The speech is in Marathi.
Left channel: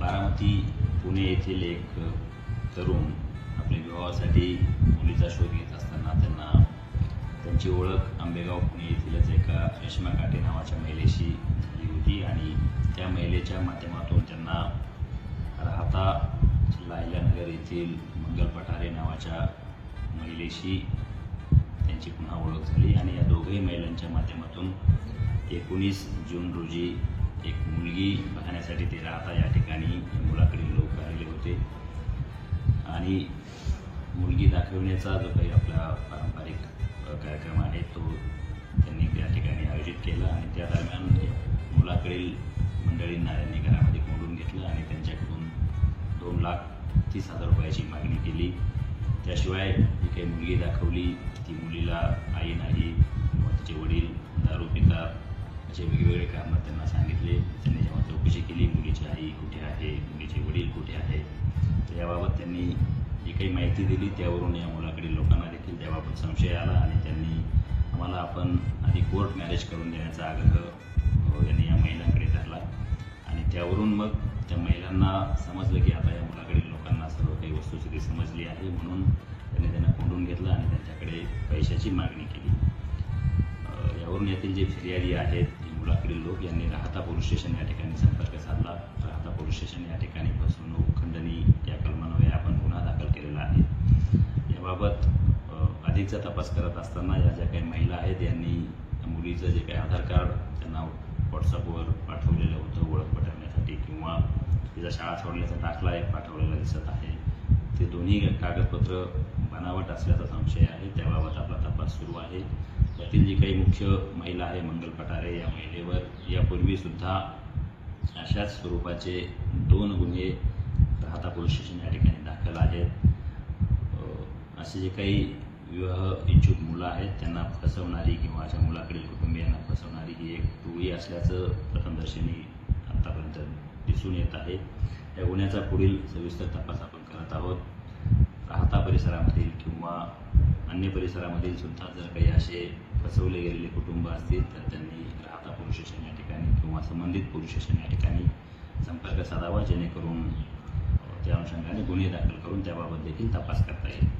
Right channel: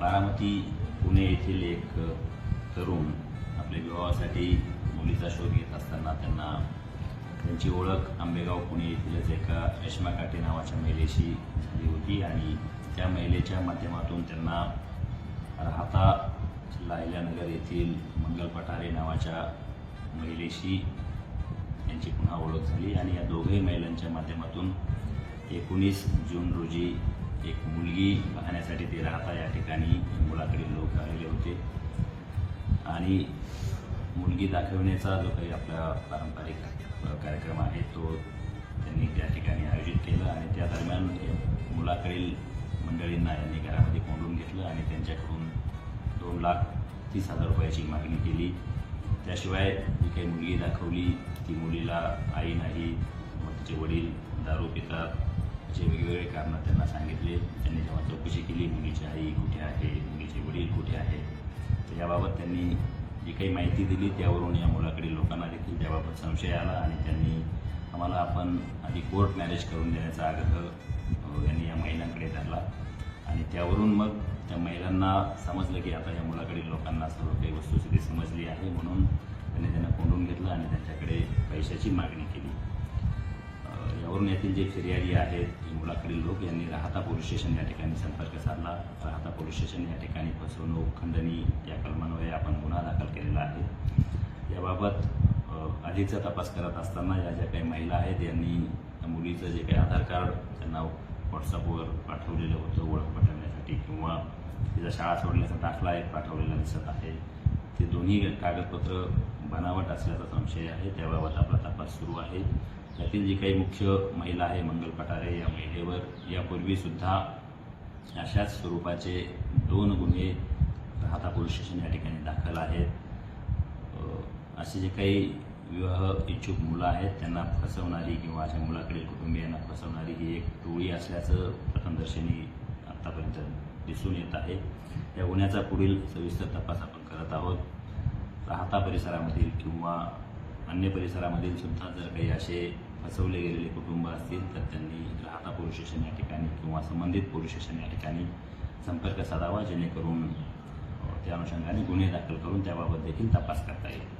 बारामती पुणे येथील एक तरुण आपल्या विवाहासाठी मुलीचा शोध घेत असताना त्यांची ओळख आंबेगाव पुणे येथीलच एका रेश्मा काटे नावाच्या महिलेशी झाली होती आणि त्या महिलेच्या माध्यमातून त्यांना राहता जिल्हा अहिल्यानगर येथील मंगल पठारे नावाच्या महिलेशी त्यांची पुन्हा ओळख झाली आणि या दोघही महिलांच्या माध्यमातून 19 जून रोजी एक मुलगी पाहण्यासाठी ते राहता या ठिकाणी मुलाकडील लोक आलेले होते आणि मुलगी दाखविण्याचा जो काही आपला पारंपरिक कार्यक्रम आहे तो त्यांनी त्या ठिकाणी आयोजित केला आणि त्या दरम्यान मुलाकडील मंडळींना यांनी घरामध्ये कोंडून घेतलं आणि त्यांच्याकडून 2,30,000 रुपयाची मागणी केली। त्याशिवाय जी काही मुलगी दाखवली ती मुलीला आई नाही किंवा तिचे वडील दारू पितात असे वेगवेगळे कारणं त्यांना सांगितले। त्यांनी जेव्हा चौकशी केली मुलीची आई कुठे आहे, मुलीचे वडील कुठे आहे, तर याबाबत त्यांनी जी काही माहिती दिली त्यावरून या मुलाकडील लोकांना देखील त्याबाबत संशय आला आणि त्यांनी आम्हाला आपण आधी कोर्ट मॅरेज करून देण्याचा आग्रह यांनी या महिलांकडे धरला आणि त्यावरून मग त्या महिलांना समजलं की आता या मुलाकडील लोकांना सर्व काही वस्तुस्थिती समजली आहे, म्हणून त्यांना कोंडून घेतलं आणि त्यांच्याकडे पैशाची मागणी केली। यावरून यातील जे फिर्यादी आहेत ते मुलाकडील लोक यांनी राहता पोलीस स्टेशन या ठिकाणी संपर्क साधला। राहता पोलीस स्टेशन या ठिकाणी फसवणूक खंडणी या कलमान्वये आपण गुन्हा दाखल केलेला आहे। याबाबत अधिकचा तपास करत असताना या ज्या काही महिला आहेत यांनी मुलीचं जे काही आधार कार्ड त्यांना व्हॉट्सअपवर पाठवलेलं होतं ओळख पटवण्यासाठी किंवा तिचा शाळा सोडल्याचा दाखला एक पाठवलेला दिसत आहे, ते दोन्ही कागदपत्र बनावट असल्याचा संशय आहे। त्याबाबत आपला तपास सुरू आहे। यातील जी काही मुख्य महिला आहे मंगल पठारे या महिलेवर यापूर्वीसुद्धा अशाच स्वरूपाचे 2 गुन्हे राहता पोलीस स्टेशन या ठिकाणी दाखल आहेत। असे जे काही विवाह इच्छुक मुलं आहेत त्यांना फसवणारी किंवा अशा मुलाकडील कुटुंबियांना फसवणारी ही एक टोळी असल्याचं प्रथमदर्शनी आत्तापर्यंत दिसून येत आहे। या गुन्ह्याचा पुढील सविस्तर तपास आपण करत आहोत। राहता परिसरामधील किंवा अन्य परिसरामधील सुद्धा जर काही असे फसवले गेलेले कुटुंब असतील तर त्यांनी राहता पोलीस स्टेशन या ठिकाणी किंवा संबंधित पोलीस स्टेशन या ठिकाणी संपर्क साधावा, जेणेकरून त्या अनुषंगाने गुन्हे दाखल करून त्याबाबत देखील तपास करता येईल।